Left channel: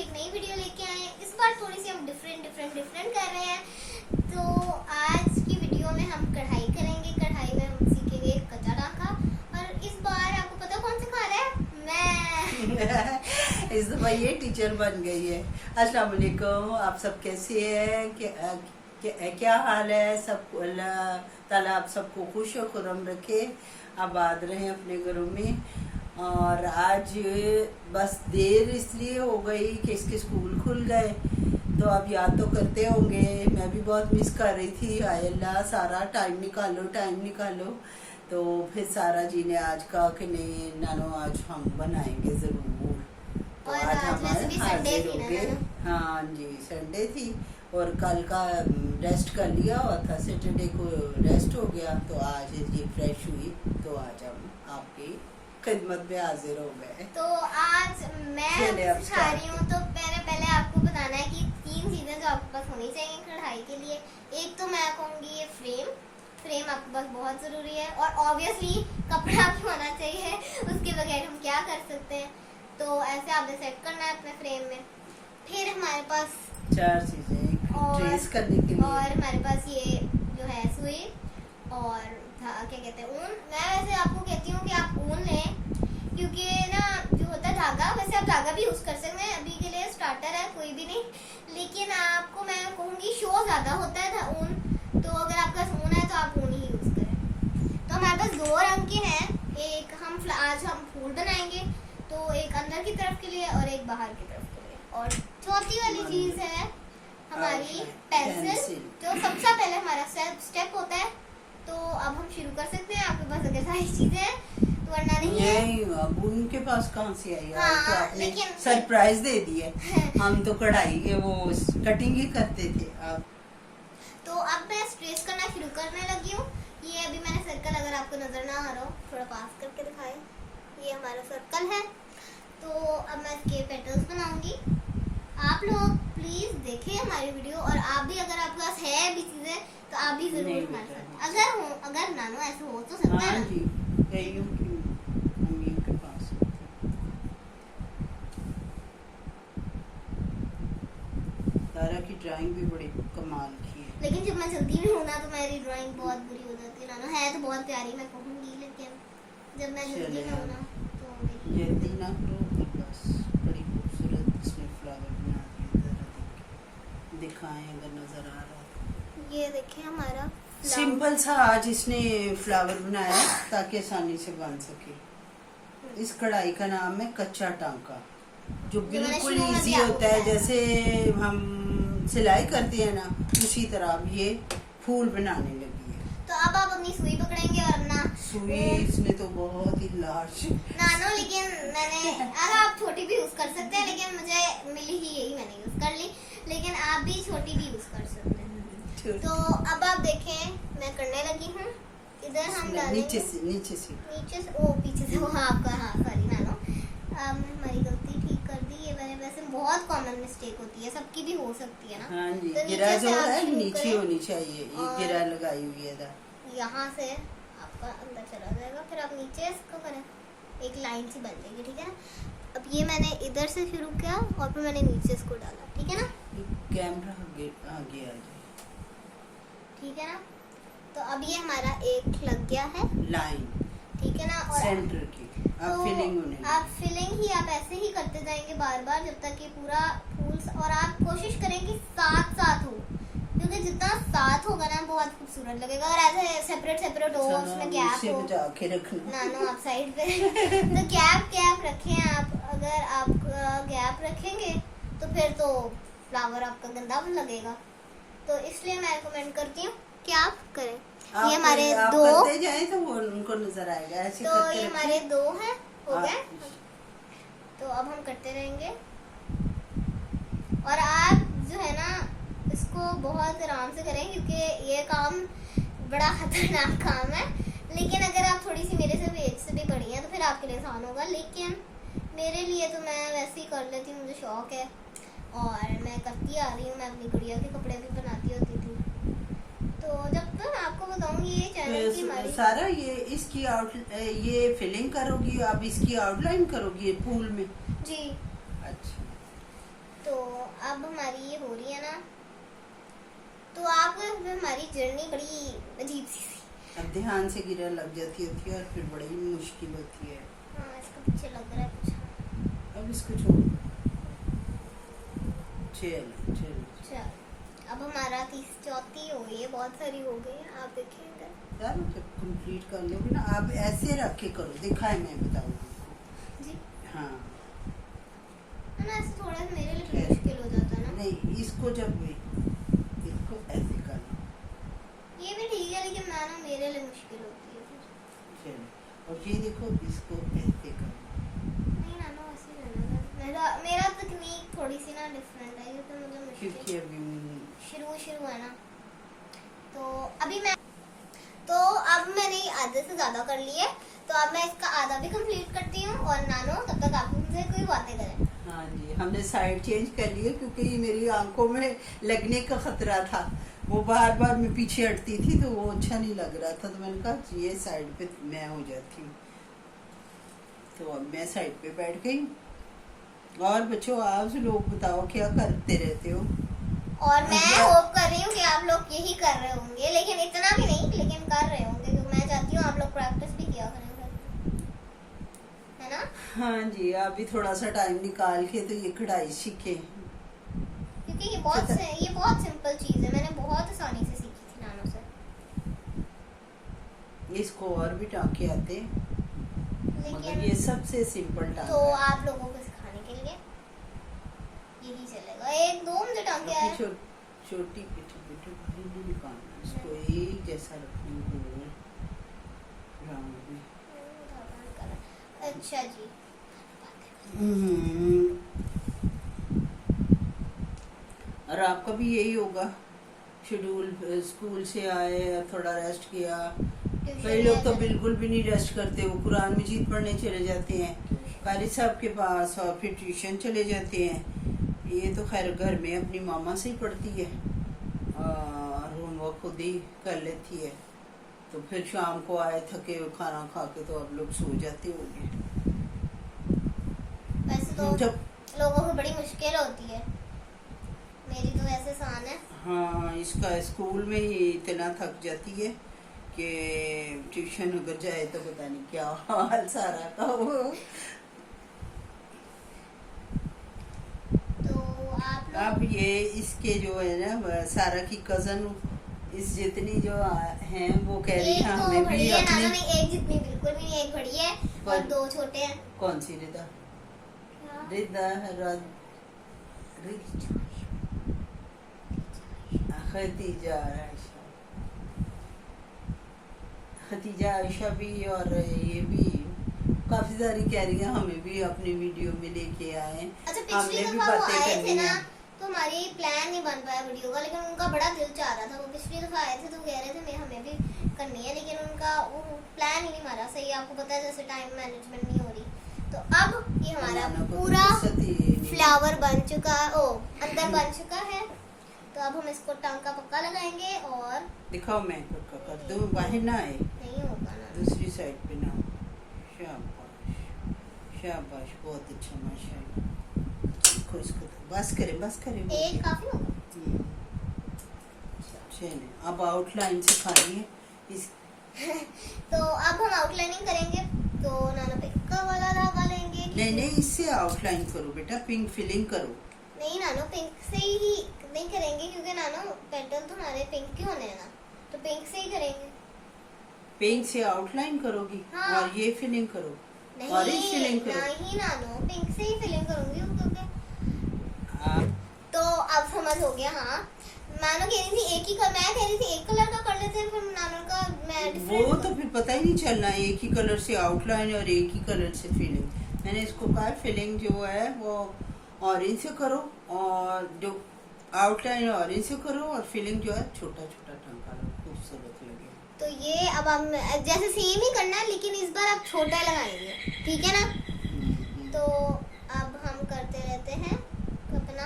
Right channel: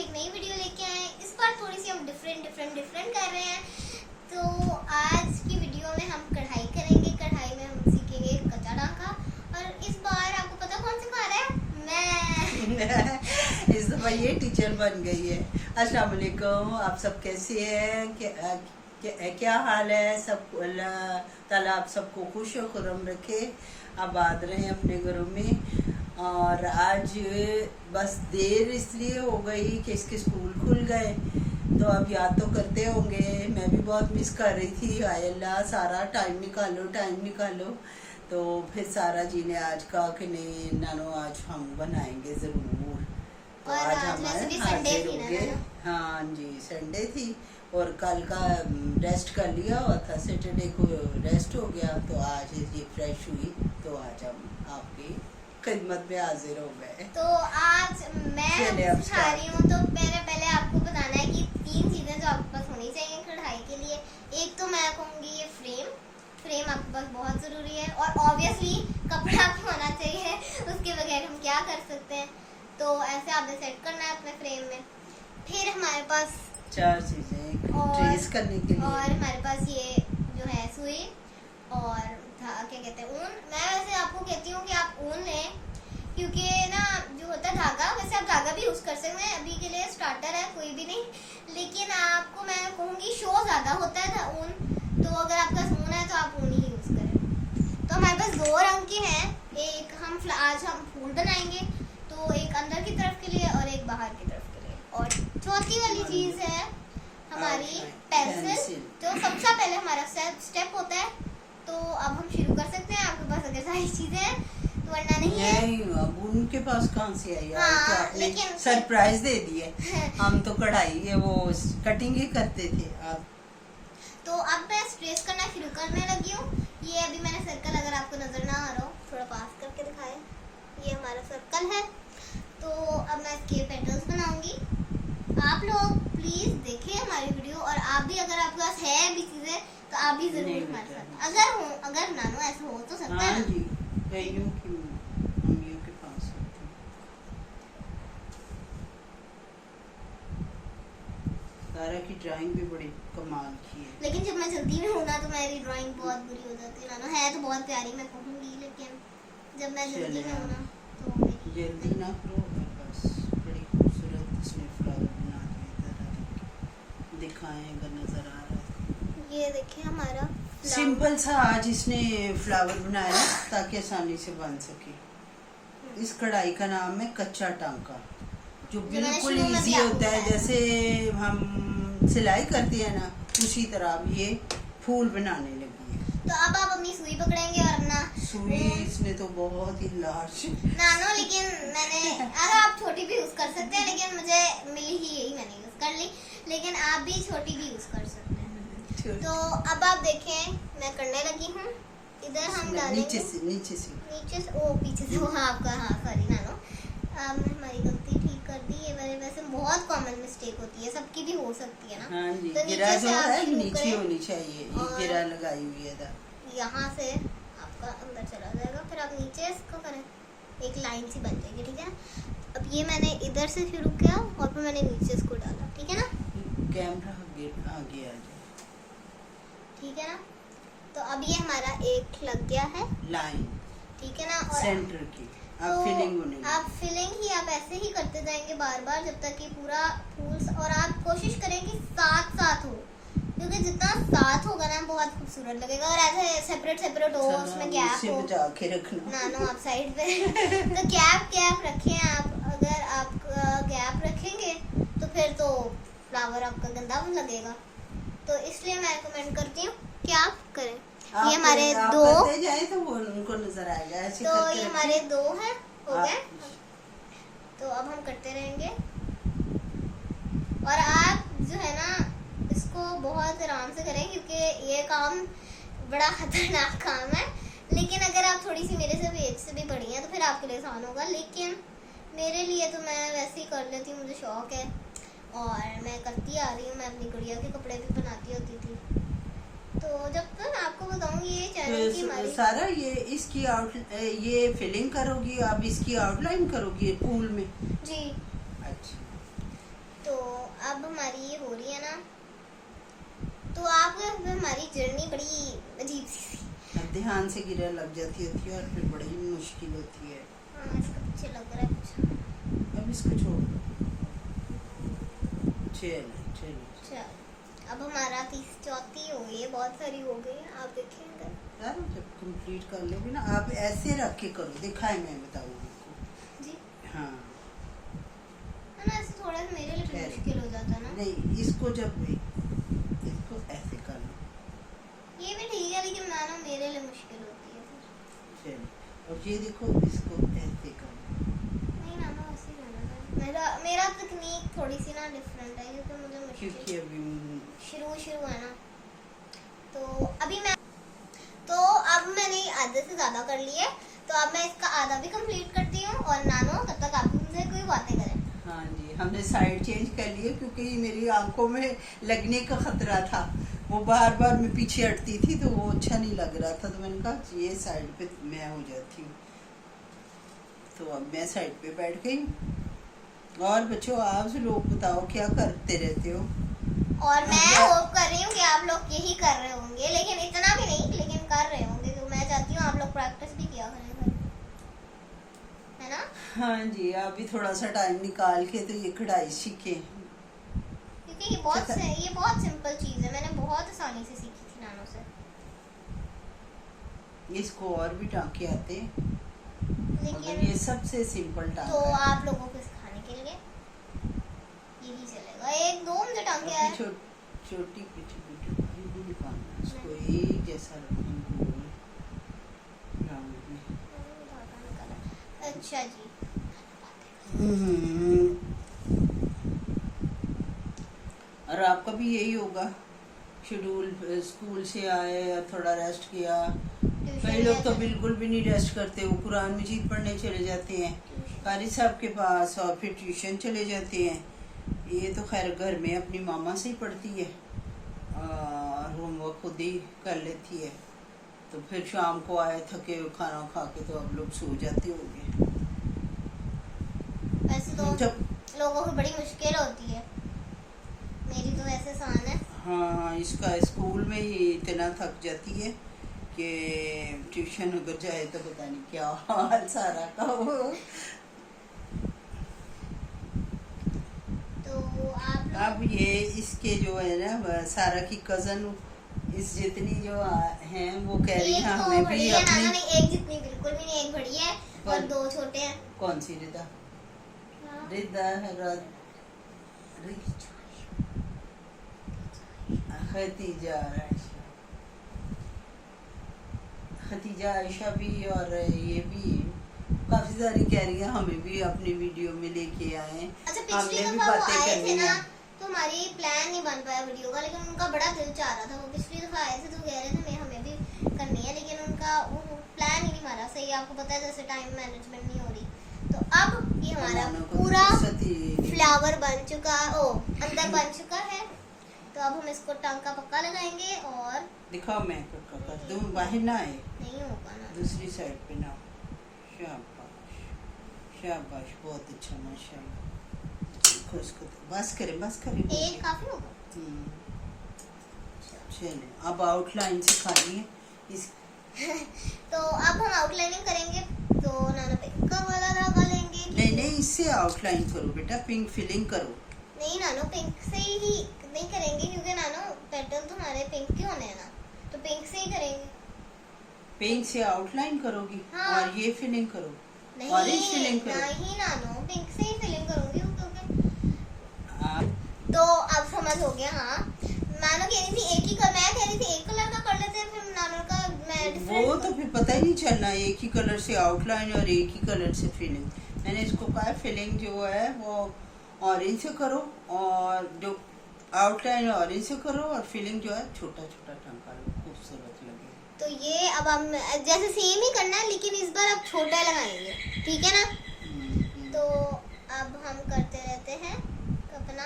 एक नई वीडियो लेके आए हैं। इस बार थोड़ी सी हम डिफरेंट कर रहे हैं। तो आज की वीडियो में हम कढ़ाई करेंगे। कढ़ाई में हम सीखेंगे कच्चा टांका। और इस बार आपको पता कौन सिखा रहा है? मैं। इस दफा ये टीचर बन गई है। अस्सलाम वालेकुम, आप सब कैसे हैं? क्या हाल है? सब अल्लाह ताला आप सबको खुश और खुर्रम रखे, आबाद रहें अपने घरों में। और आज बस देर इसलिए हो गई कि इसके स्कूल खुल गए, तो अब याद तो करते होंगे। मैं भी बहुत मिस कर रही थी। आय अल्लाह, सारा टाइम निकालो। तो फिर सारा जी ने आज कहा कि नहीं नानो, आज हम बनाएंगे जरूर। तो आज हमारे हाजिर हो गए। हाँ जी, संडे थी और कल का रेस्ट कर लिया हुआ था, सैटरडे को रेस्ट हो गया। तो आज ये फ्रेश हुई, तो आज हम आपकी खिदमत में हाजिर हो गए। तो आज मैं सिखा रही हूँ। तो मैंने पहले आपको बताना है कि 3 चीजें जो आपके पास होनी चाहिए कढ़ाई के लिए। एक तो मैं कहूँगी ये फ्रेम आपके पास बहुत जरूरी है, और ऑब्वियसली कपड़ा होना चाहिए, उसके बगैर हम क्या कर सकते हैं। तो ऐसे आपने सेट करना है अपने फ्रेम में। फिर हमारे पास 4 चीजें ट्रेस करने के लिए, और हमारे पास ये जो है सुई और क्या कहते हैं ऊन। मैं वैसे आपको कहती हूँ कि आप ऊन लें, क्योंकि ना जो होता है धागा, वैसे आप धागा भी यूज कर सकते हैं। अभी के लिए स्टार्टर है, कोई भी नहीं। लेकिन आपको मैं कहूँगी शो ज्यादा होता है ऊन, तो अगर आपका ऊन है तो आप ऊन ही यूज करें। तो हमारे पास 2 रंग के हैं। एक आज हम फूल बनाएंगे, तो एक अंदर की तरफ के लिए और एक बाहर की तरफ के लिए। और चौथी वाली चीज है हमारी पेंसिल, जो सबसे पहले हमारा स्टेप होता है। तो अब हम शुरू कर सकते हैं। आपके पास अगर सारी चीजें हैं तो वरना नहीं है। अब उनके पास कहाँ से आई? हाँ, तो आपने लेकिन सरप्राइज दे दिए। हम तो कढ़ाई वो कटिंग ही करते थे। आप तो अब मैं स्ट्रेस करना शुरू करने लगी हूँ। ये अभी मैंने सर्कल, अगर आपको नजर ना आ रहा हो थोड़ा पास करके दिखाए, ये हमारा सर्कल है। तो अब मैं इसके पेटल्स बनाऊंगी। आप लोग प्लीज देखें हमारी वीडियो, और आप भी अगर आपके पास है भी चीजें तो आप भी जरूर हमारे साथ, अगर नानो ऐसे हो तो सकता है। हाँ जी, अम्मियों के पास तारा की ड्राइंग भी बड़ी कमाल की है। लेकिन जब मैं जल्दी में हूँ ना, तो मेरी ड्राइंग बहुत बुरी हो जाती है। नानो है तो बहुत प्यारी, मैं कहूँगी, लेकिन जब मैं जल्दी में हूँ ना तो जल्दी ना करो। बस बड़ी खूबसूरत इसमें फ्लावर बना दिए, दिखाएं अगर नजर आ रहा है। ये देखिए हमारा सिंपल सा आज इसने फ्लावर बनाया ताकि आसानी से बन सके। इस कढ़ाई का नाम है कच्चा टांका, जो बिल्कुल इजी होता है। जैसे हम सिलाई करते हैं ना, उसी तरह अब ये फूल बनाने लगी है। तो अब आप अपनी सुई पकड़ेंगे और अपना सुई इसने तो बहुत ही लार्ज नानो, लेकिन मैंने, अगर आप छोटी भी यूज कर सकते हैं, लेकिन मुझे मिली ही यही, मैंने यूज कर ली। लेकिन आप भी छोटी भी यूज कर सकते हैं। तो अब आप देखें, मैं करने लगी हूँ। इधर हम डालेंगे नीचे से ओ पीछे से। हाँ आपका, हाँ सॉरी नानो, हमारी गलती ठीक कर दी। ये मैंने वैसे बहुत कॉमन मिस्टेक होती है, सबकी भी हो सकती है ना। हाँ जी, तो गिरा जो है नीचे होनी चाहिए। ये गिरा लगाई हुई है, यहाँ से आपका अंदर चला जाएगा। फिर आप नीचे इसको करें, एक लाइन सी बन जाएगी, ठीक है। अब ये मैंने इधर से शुरू किया और फिर मैंने नीचे इसको डाला, ठीक है ना। कैमरा आगे आ जाए, ठीक है ना। तो अब ये हमारा एक लग गया है लाइन, ठीक है ना। और सेंटर की अब तो फिलिंग होने, आप फिलिंग ही आप ऐसे ही करते जाएंगे बार बार, जब तक कि पूरा फूल। और आप कोशिश करें कि साथ हो, क्योंकि जितना साथ होगा ना बहुत खूबसूरत लगेगा। और ऐसे सेपरेट हो, उसमें गैप हो, बचा के रखना। नानो आप साइड पे तो गैप रखें आप। अगर आप गैप रखेंगे तो फिर तो फ्लावर आपका गंदा लगेगा। तो इसलिए मैं रिकमेंड करती हूँ कि आप करें। ये हमारे 2 जाए तो वो उनको नजर आएगा ऐसे। तो ये हमारे 2 हैं, हो गए। तो अब हम करते रहेंगे। और आप जो है ना, इसको बहुत आराम से करें, क्योंकि ये काम बड़ा खतरनाक काम है। लेकिन अगर आप थोड़ी सी मेरे से भी एज से भी बड़ी हैं तो फिर आपके लिए आसान होगा। लेकिन मेरे लिए तो मैं वैसे ही कर लेती हूँ, मुझे शौक है और मैं करती आ रही हूँ। मैं अपनी गुड़िया के कपड़े भी बनाती होती थी। तो जब तक आपको बताऊंगी ये चैनल की हमारी सारा ये इसकी ये फिलिंग करोगी, अब इसकी आउटलाइन करोगी फूल में जी। अच्छा, तो अब हमारी ये हो रही है ना, तो आप हमारी जर्नी बड़ी अजीब सी। अब ध्यान से गिरा लग जाती होती है और फिर बड़ी मुश्किल होती है। हाँ, इसका पीछे लग रहा है कुछ। अब इसको छोड़, चलो चलो। चल, अब हमारा 34 हो गई है, बहुत सारी हो गई है, आप देखेंगे। यार जब कंप्लीट कर लोगे ना, आप ऐसे रख के करो, दिखाए मैं बताऊंगी आपको। जी हाँ है ना, ऐसे थोड़ा सा मेरे लिए है। मुश्किल हो जाता है ना। नहीं, इसको जब इसको ऐसे करना। ये भी ठीक है, लेकिन ना मेरे लिए मुश्किल होती है फिर। चलो, और ये देखो, इसको ऐसे करना। नहीं ना, ऐसे करना है। मेरा तकनीक थोड़ी सी ना डिफरेंट है, क्योंकि मुझे मुश्किल क्योंकि अभी शुरू है ना। तो अभी मैं, तो अब मैंने आधे से ज्यादा कर लिए, तो अब मैं इसका आधा भी कंप्लीट करती हूँ, और नानो तब तक आप मुझसे कोई बातें करें। हाँ जी, हमने साइड चेंज कर लिए क्योंकि मेरी आंखों में लगने का खतरा था। वो बार बार मैं पीछे हटती थी तो वो अच्छा नहीं लग रहा था, तो मैंने कहा ये साइड पे मैं हो जाती हूँ। तो अब मैं साइड पे बैठ गई। और बच्चों, आप लोग बताओ क्या करते रहते हो? और मैं होप कर रही हूँ कि आप लोग यही कर रहे होंगे, लेकिन इतना भी नहीं, लेकिन कर रहे होंगे। तो मैं चाहती हूँ आप लोग प्रैक्टिस भी किया करें घर पे, है ना। हाँ जी, आप भी थोड़ा सा टाइम निकाल के तो ये कढ़ाई सीखे, क्योंकि ये बहुत सिंपल चीज है, मैंने बहुत आसानी से सीखी थी नानो से। इसको और भी टांके आते, मगर लेकिन ये सबसे सिंपल टांका तो है। आप लोगों को सिखाने के लिए यही चलेगा। एक दो मुझे टांके आए। छोटी पिटी पिटी नहीं निकालना, इसको एक जैसा रखना गोल राउंड में। अच्छा जी। और आपका भी यही होगा शेड्यूल, स्कूल से आए थोड़ा रेस्ट किया। कई लोग तो बिल्कुल भी नहीं रेस्ट करते, वो कुरान मजीद पढ़ने चले जाते हैं कारी साहब के पास, और फिर ट्यूशन चले जाते हैं। ये तो खैर घर में अपनी मामा से ही पढ़ती है और होमवर्क खुद ही कर लेती है। तो फिर शाम को आए थके खाना खा के तो अब लोग सो जाते होंगे। वैसे तो जब लोगों को बड़ी मुश्किल होती है, मेरी तो वैसे आसान है। हाँ, इसका स्कूल में ही इतना थक जाती है कि ट्यूशन अगर जाए तो पता नहीं क्या हाल सारा का हो। तो आप अब ये इसके जो है ना सारा की कजन, इस जितनी जो हैं वो कह रही है एक तो हमें बड़ी भी है नाना, अपनी। नहीं एक जितनी बिल्कुल भी नहीं, एक बड़ी है और दो छोटे हैं। कौन सी रिदा? रिदा खतीजा आयशा, खतीजा आयशा भी, और ये भी काफी सारी कह रही है हमें भी अपनी वीडियो में लेके आए। अच्छा, पिछली हमने भी दफा वो बातें आए थे करनी ना, है। तो हमारी प्लान नहीं बन पाया वीडियो का, लेकिन उनका बड़ा दिल चाह रहा था। वो पिछली दफा आए थे तो कह रहे थे मैं हमें भी करनी है, लेकिन उनका वो प्लान ही नहीं मारा सही। आपको पता है जैसे टाइम मैनेजमेंट नहीं हो रही। तो अब ये हमारा पूरा फ्लावर बन चुका है, अंदर बन चुका है। तो अब हम इसको टांका पक्का लगाएंगे। और दिखाओ, मैं पक्का कर दूं, बाहर ना आए, नहीं होगा ना, दूसरी साइड पे ना। शाबाश शाबाश, बहुत अच्छा, माशाल्लाह। इसको इसको बस करें एक काफी होगा। चलिए, अब आउटलाइन सिखानी है इस। तो अब हम आउटलाइनिंग करेंगे, तो नाना पिंक का वाला धागा लेंगे। नहीं, इससे आउटलाइन करो बेटा, पिंक फिलिंग करो। नहीं नानो, पिंक से ही नहीं करेंगे, क्योंकि नानो पेटर्न तो हमारे पिंक के होने हैं ना, तो पिंक से ही करेंगे। पिंक से आउटलाइन करोगी? हाँ। और ये फिलिंग करो, नहीं ऑरेंज फिलिंग करो। नहीं नानो, पिंक से ही फिलिंग करूंगी क्योंकि आप तो अब समझ हो गया। हाँ, नानो कह रही थी एक ही कलर, मैं कह रही थी एक कलर का कर लेते हैं, फिर नानो का मैं वो तो फिर पता ही नहीं चलना, एक ही कलर से आउटलाइन और एक ही कलर से फिलिंग। मैंने इसको कहा फिलिंग जो है वो ऑरेंज से करो, और जो आउटलाइन ऑरेंज से करो, और फिलिंग जो है छोटा छोटा टंका लो, खूबसूरत लगे। तो ये अब हम जैसे सेम ही करना है, लेकिन इस बार अब छोटा लगाएंगे, ठीक है ना। तो अब हम करते रहते हैं अपना।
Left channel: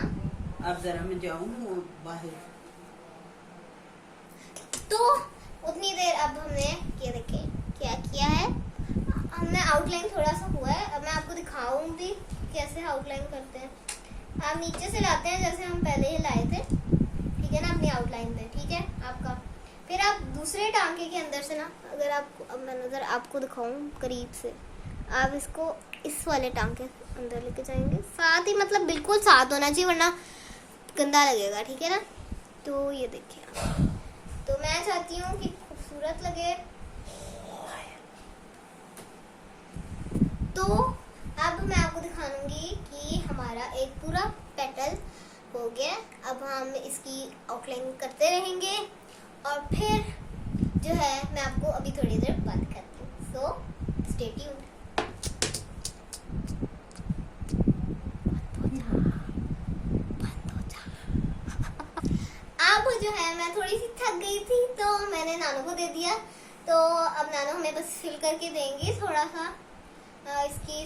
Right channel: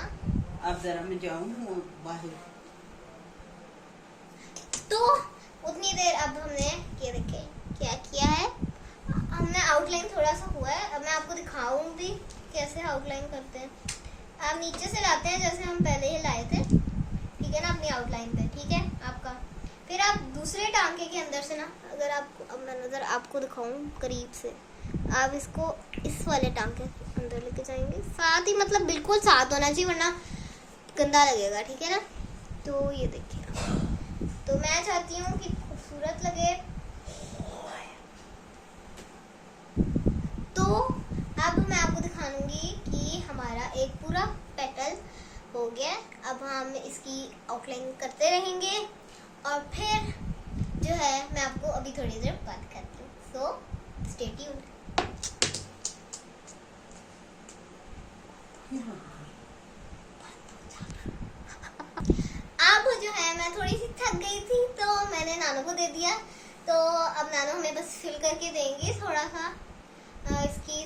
अब जरा मैं जाऊँ बाहर, तो उतनी देर अब हमने ये देखे क्या किया है, हमने आउटलाइन थोड़ा सा हुआ है। अब मैं आपको दिखाऊंगी कैसे आउटलाइन करते हैं। आप नीचे से लाते हैं जैसे हम पहले ही लाए थे, ठीक है ना, अपनी आउटलाइन पे, ठीक है आपका। फिर आप दूसरे टांके के अंदर से ना, अगर आपको अब मैं नजर आपको दिखाऊं करीब से, आप इसको इस वाले टांके के अंदर लेके जाएंगे, साथ ही मतलब बिल्कुल साथ होना चाहिए वरना गंदा लगेगा, ठीक है ना। तो ये देखिए, तो मैं चाहती हूँ कि खूबसूरत लगे, तो अब मैं आपको दिखाऊंगी कि हमारा एक पूरा पेटल हो गया। अब हम इसकी आउटलाइन करते रहेंगे और फिर जो है मैं आपको अभी थोड़ी देर बाद करती हूँ, सो स्टे ट्यून्ड। अब जो है मैं थोड़ी सी थक गई थी तो मैंने नानू को दे दिया, तो अब नानू हमें बस फिल करके देंगी थोड़ा सा इसकी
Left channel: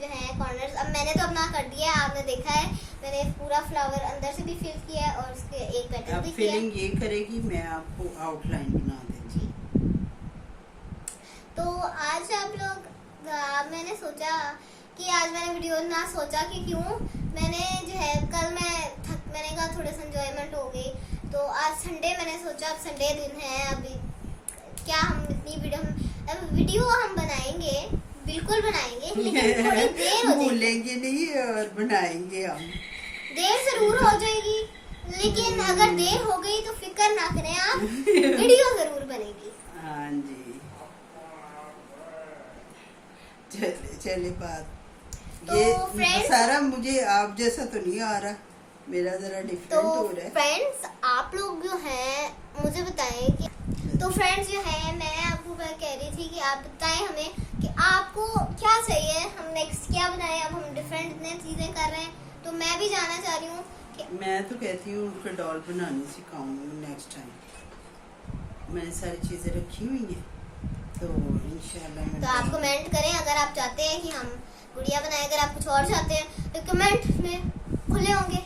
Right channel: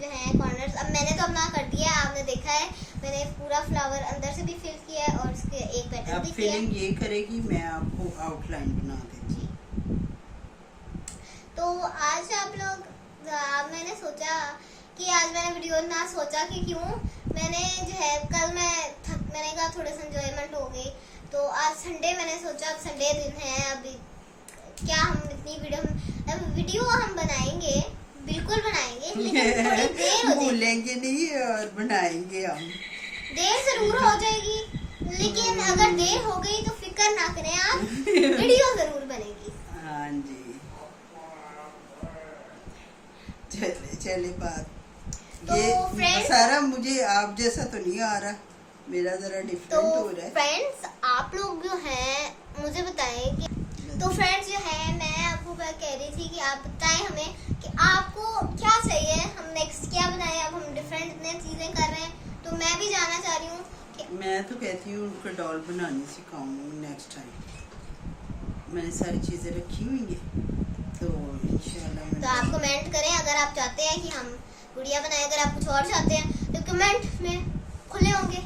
जो है कॉर्नर्स। अब मैंने तो अपना कर दिया है, आपने देखा है मैंने पूरा फ्लावर अंदर से भी फिल किया है और उसके एक पेटल भी किया है। फिलिंग ये करेगी, मैं आपको आउटलाइन बना दूंगी। तो आज आप लोग मैंने सोचा कि आज मैंने वीडियो ना सोचा कि क्यों मैंने जो है कल मैंने कहा थोड़ा सा एंजॉयमेंट हो गई, तो आज संडे मैंने सोचा अब संडे दिन है, अभी क्या हम इतनी वीडियो हम बनाएंगे, बिल्कुल बनाएंगे, लेकिन थोड़ी देर हो जाएगी, भूलेंगे नहीं और बनाएंगे हम। देर जरूर हो जाएगी, लेकिन अगर देर हो गई तो फिक्र ना करें आप, वीडियो जरूर बनेगी। हाँ जी, चले चले बात। तो ये friends- सारा मुझे आप जैसा तो नहीं आ रहा, मेरा जरा डिफरेंट तो हो रहा है। फ्रेंड्स आप लोग जो हैं मुझे बताएं कि, तो फ्रेंड्स जो है मैं आपको कह रही थी कि आप बताएं हमें कि आपको क्या चाहिए, हम नेक्स्ट क्या बनाएं। अब हम डिफरेंट इतने चीजें कर रहे हैं, तो मैं भी जानना चाह रही हूँ कि मैं तो कहती हूँ उनको डॉल बनानी सिखाऊंगी नेक्स्ट टाइम। मैंने सारी चीजें रखी हुई हैं, तो इंशाल्लाह मैं तो आप कमेंट करें अगर आप चाहते हैं कि हम गुड़िया बनाएं। अगर आप कुछ और चाहते हैं तो कमेंट में खुले होंगे,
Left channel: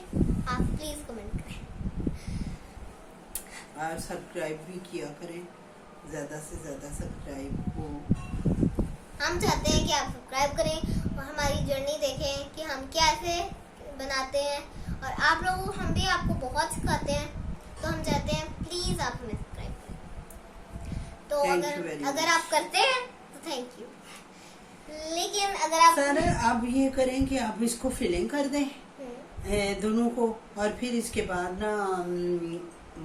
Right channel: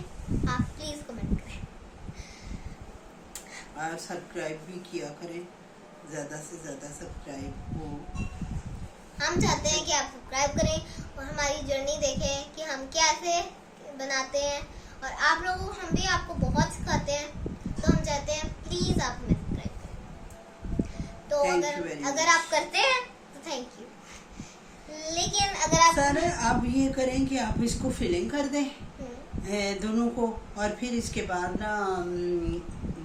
आप प्लीज कमेंट करें और सब्सक्राइब भी किया करें, ज्यादा से ज्यादा सब्सक्राइब हो। हम चाहते हैं कि आप सब्सक्राइब करें और हमारी जर्नी देखें कि हम कैसे बनाते हैं, और आप लोगों हम भी आपको बहुत सिखाते हैं, तो हम चाहते हैं प्लीज आप हमें सब्सक्राइब करें। तो Thank you very अगर much. आप करते हैं तो थैंक यू, लेकिन अगर आप सर आप ये करें कि आप इसको फिलिंग कर दें दोनों को, और फिर इसके बाद ना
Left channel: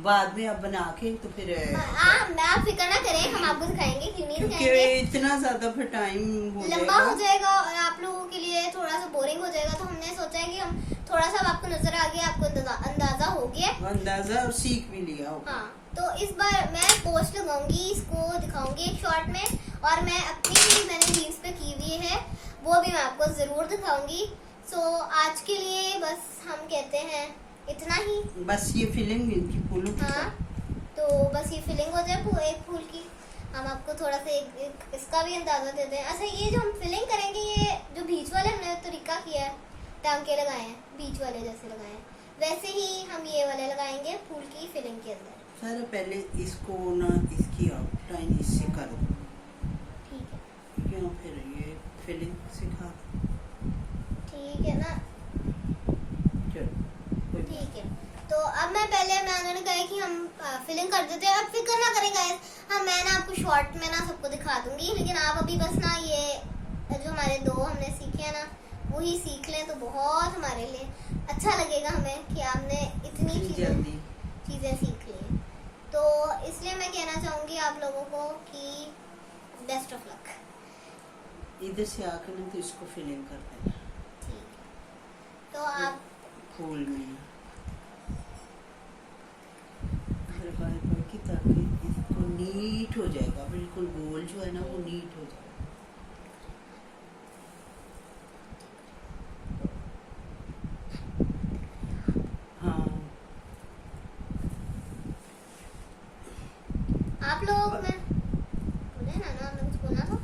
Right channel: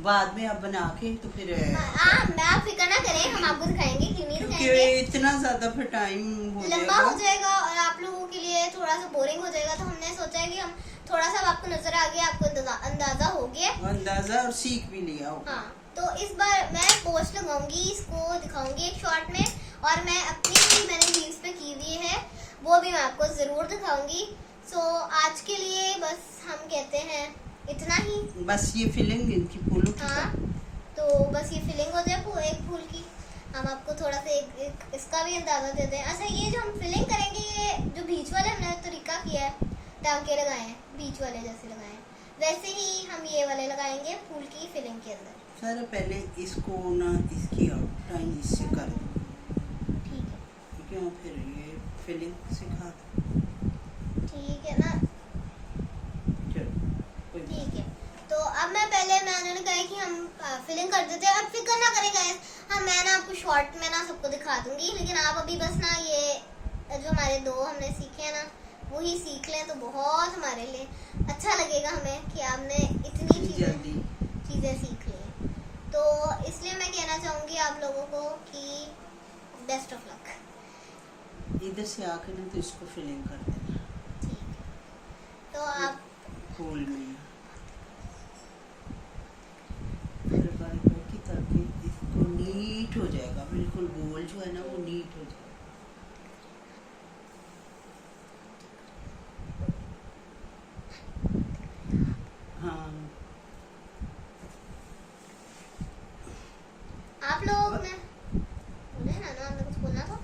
बाद में आप बना के तो फिर आप फिक्र ना करें, हम आपको दिखाएंगे, क्यों नहीं क्योंकि दिखाएंगे, इतना ज्यादा फिर टाइम हो लंबा हो जाएगा। जाएगा और आप लोगों के लिए थोड़ा सा बोरिंग हो जाएगा, तो हमने सोचा है कि हम थोड़ा सा आपको नजर आ गया, आपको अंदाजा हो गया, अंदाजा और सीख भी लिया होगा। हाँ। तो इस बार मैं पोस्ट लगाऊंगी, इसको दिखाऊंगी एक शॉर्ट में, और मैं अपनी मैंने रील्स पे की हुई है वो भी मैं आपको जरूर दिखाऊंगी। सो आज के लिए बस हम कहते हैं इतना ही। बस ये फिलिंग इनकी फूलों की हाँ, तो बस ये फिलिंग हो जाए एक फूल की, हम आपको थोड़ा सा एक इसका भी अंदाजा देते हैं। अच्छा, ये जो हम फिलिंग करेंगे, ये जो बीच वाले हमने तरीका किया है, टांके लगाए हैं बीच वाले जैसे लगाए हैं, वैसे ही हम ये वाले लगाएंगे फूल की फिलिंग के अंदर। सर पहले इसको ना इसकी आउटलाइन इससे कर दो, ठीक है, क्यों फिर ये फिलिंग सिखा ठीक है ना, चलो कोई बात ठीक है। तो अब मैंने कहा कि हम फिलिंग कर देते हैं, अब फिक्र ना करें गाइस, हाँ मैं ना आपको शॉर्ट में ना सबको दिखा दूंगी, लेकिन आप अभी बस ना ये जो हमारे दो हमने सीखे हैं ना वही सीख लें तो बहुत हमारे लिए अच्छा लगेगा हमें कि आपने इतनी नहीं। चीजें जल्दी सीख ली। तो इसलिए मैं कहना चाहूंगी आप लोगों को कि बेस्ट ऑफ लक। इधर से आकर ना तो इसको फिलिंग कर देना ठीक है, तो आप फूल में बाय बाय की, ताकि इसको नीट हो जाएगा, बिल्कुल गोल जो है ना वो नीट हो जाएगा। हाँ आप लोग में बोले ना हमने कुछ बोलना था,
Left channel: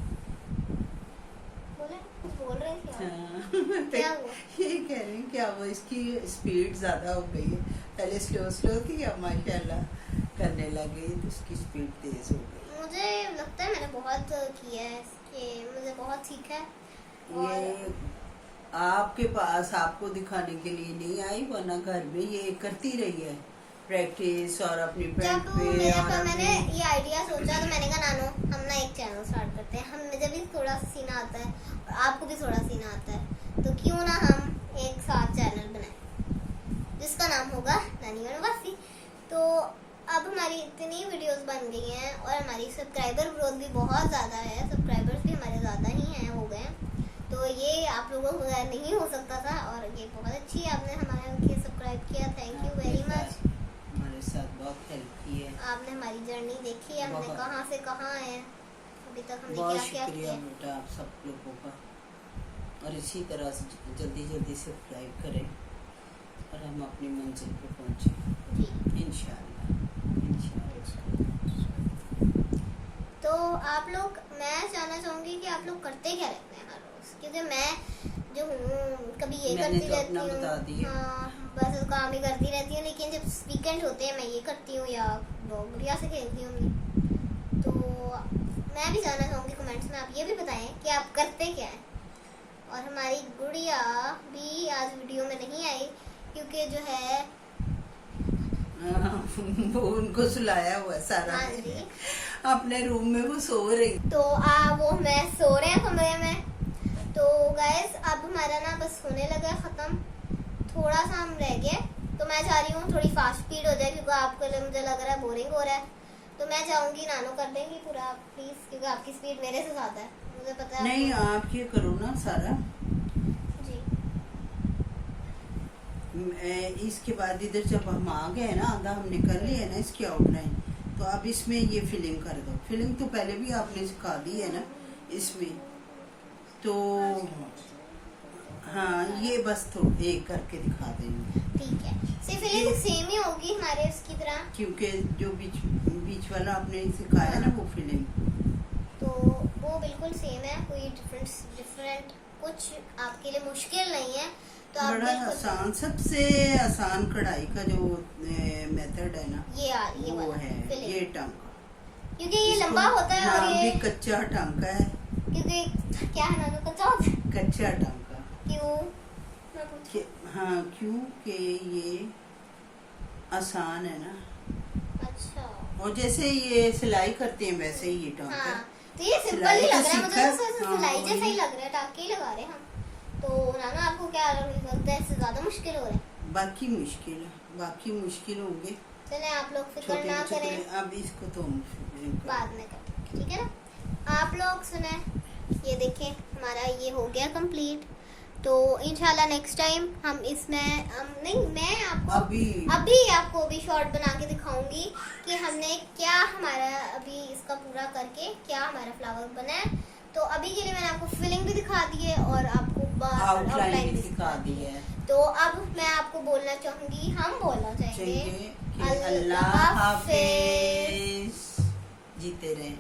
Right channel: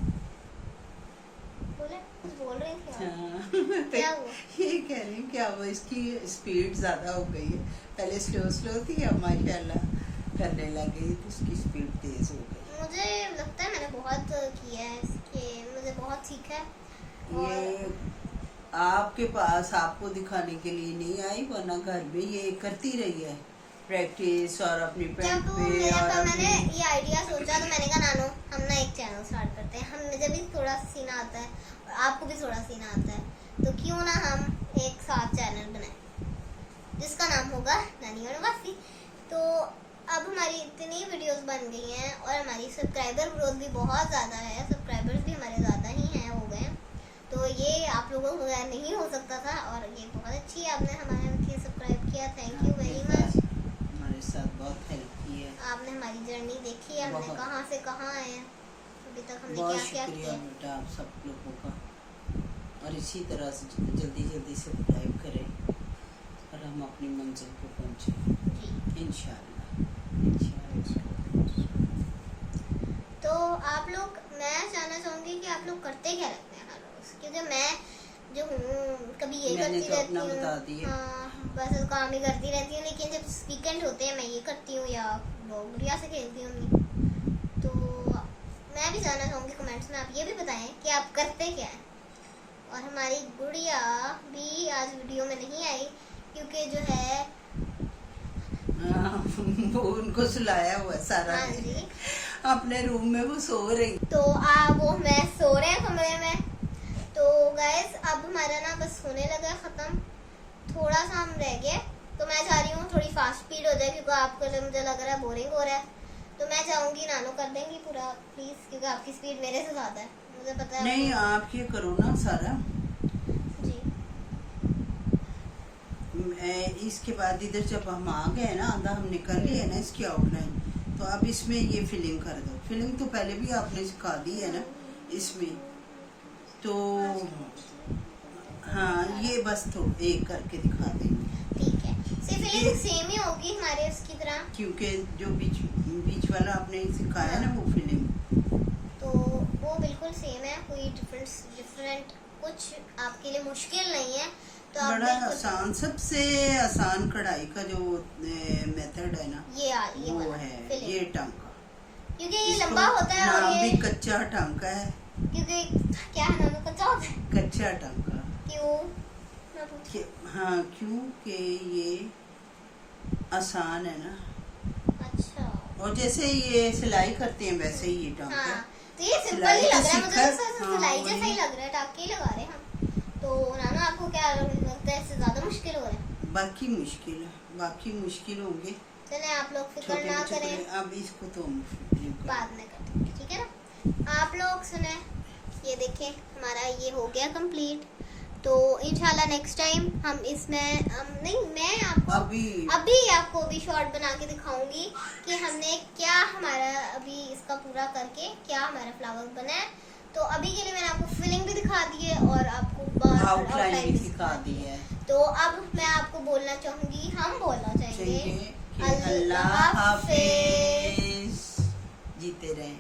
बोले कुछ बोल रहे थे आप। हाँ। क्या हुआ? ये कह रही हूँ कि अब इसकी स्पीड ज्यादा हो गई है, पहले स्लो स्लो थी, अब माशाल्लाह करने लगी तो इसकी स्पीड तेज हो गई। मुझे लगता है मैंने बहुत किया है इसके, मुझे बहुत सीखा है। ये आपके पास आपको दिखाने के लिए नहीं आई, वरना घर में ये करती रही है प्रैक्टिस और अपनी पेंट जब पे मेरे और पास अपनी मैंने ये आइडिया सोचा तो मैंने कहा नानो हम ना एक चैनल स्टार्ट करते हैं, हम मुझे भी थोड़ा सा सीना आता है और आपको भी थोड़ा सीना आता है, तो क्यों ना हम एक साथ चैनल बनाएं जिसका नाम होगा नानी और वासी। तो अब हमारी इतनी वीडियोस बन गई हैं और हमारी सब्सक्राइबर ग्रोथ भी बहुत ज़्यादा है, सब्सक्राइबर्स भी हमारे ज़्यादा ही हैं, हो गए हैं। तो ये आप लोगों को नहीं हो सकता था और ये बहुत अच्छी आपने हमारे सब्सक्राइब किया, थैंक यू वेरी मच। हमारे साथ बहुत हेल्प की है। आपने हमारी जर्नी देखी है, हमने बहुत। कहाँ से कहाँ आए हैं, अभी तक हमने बहुत क्या क्या शुक्रिया किया। बेटा आप सब लोगों का, और इसी तरह से जल्दी जल्दी सब्सक्राइब करें और हम अपनी मंजिल पे पहुंचे जी इंशाल्लाह। तो आप लोग, मैं जानना चाहूंगी कि आप लोग करते क्या रहते हैं हर रोज, क्योंकि मैं जो हूँ कभी ये मैंने करती तो रहती अपना बता हूँ, दिया। हाँ बस काम ही करती रहती हूँ, लेकिन जब वीकेंड होते हैं मैं ये करती हूँ या गुड़िया से खेलती हूँ। तो मैं भी जानना चाहूंगी कमेंट्स में, आप ये भी बताएं कि आप करते क्या हैं। और हमारी गुड़िया भी आज वीडियो में नहीं आई क्योंकि जो है वो उनको सुलाया हुआ है सारा हाँ दिन। जी, अपने रूम में वो सो रही। तो वो मैं सो रहे हैं कमरे में। तो गाइस अब हमारा ना बस होने लगा खत्म, थोड़ा सा हम रह गए, तो मैं चाह रही हूँ थोड़ी फास्ट स्पीड हो जाए क्योंकि आपके लिए मुझे लग रहा है बोरिंग हो रहा है। तो मैं चाहूंगी नानो कर देंगी पूरा प्लीज, क्योंकि आपकी स्पीड मेरे से ज्यादा है, मुझे पता है। नहीं आप ये करो ना सारा, जी इसके बाद इधर जब हम आ गए ना, आधा हमने कर लिया ना इसकी आउटलाइन, तो अब इसमें ये फिलिंग कर दो। फिलिंग तो पहले भी आपने सिखा दी है ना इसमें, तो हाँ ये बस तो एक करके दिखा देंगे, ठीक है, सिर्फ फीलिंग सेम ही होगी हमारे इसकी तरह, क्योंकि जो बीच वाला आपने सिखाया ना वो फिलिंग, तो वो बिल्कुल सेम है, कोई डिफरेंट कुछ आपके लिए मुश्किल नहीं है। तो आप बड़ा बिल्कुल आसान, सबसे आसान कढ़ाई का जो मेथड है ना ये वो वाला है filling। ये टांका, क्योंकि ये इसको लंबा होता है और नाम ये भी कच्चा टांका है। क्योंकि क्या है ना, कच्चा होता है, कच्चा टांका क्यों मैं पूछती हाँ, क्योंकि ये आसान है ना, हूँ। अच्छा और जैसे ये सिलाई करते हैं वैसे ही ये टांका हाँ, है। तो ये सिंपल सिलाई ही तो लग रहा है मुझे, सीखा- तो हाँ, सिलाई जैसा ही वही। लग रहा है, टाके ही लगा रहे हैं हम। तो नाना आपको क्या लगता है, इससे ज्यादा मुश्किल हो रहा है? बाकी मुश्किल है, बाकी मुश्किल होंगे चले आप लोग फिक्र छोटे ना बच्चे करें, को। अब इसको तो हम बाद में करेंगे, ठीक है ना। आप लोग सुने, ये देखें हमारा ये हो गया कंप्लीट। तो इंशाल्लाह नेक्स्ट टाइम हम इसमें नहीं, मैं आपको अभी आपको भी शॉर्ट बना के दिखाऊंगी कि हमने क्या हमारा अभी इसका पूरा करके क्या हमारा फ्लावर बना है। तो अभी के लिए मैंने आपको फिलिंग भी दिखा दी है और आपको आउटलाइन भी सिखा दी है। तो अब मैं आपको बोलना चाहूंगी, हम बोलना चाहेंगे अल्लाह हाफिज, जीते रहें।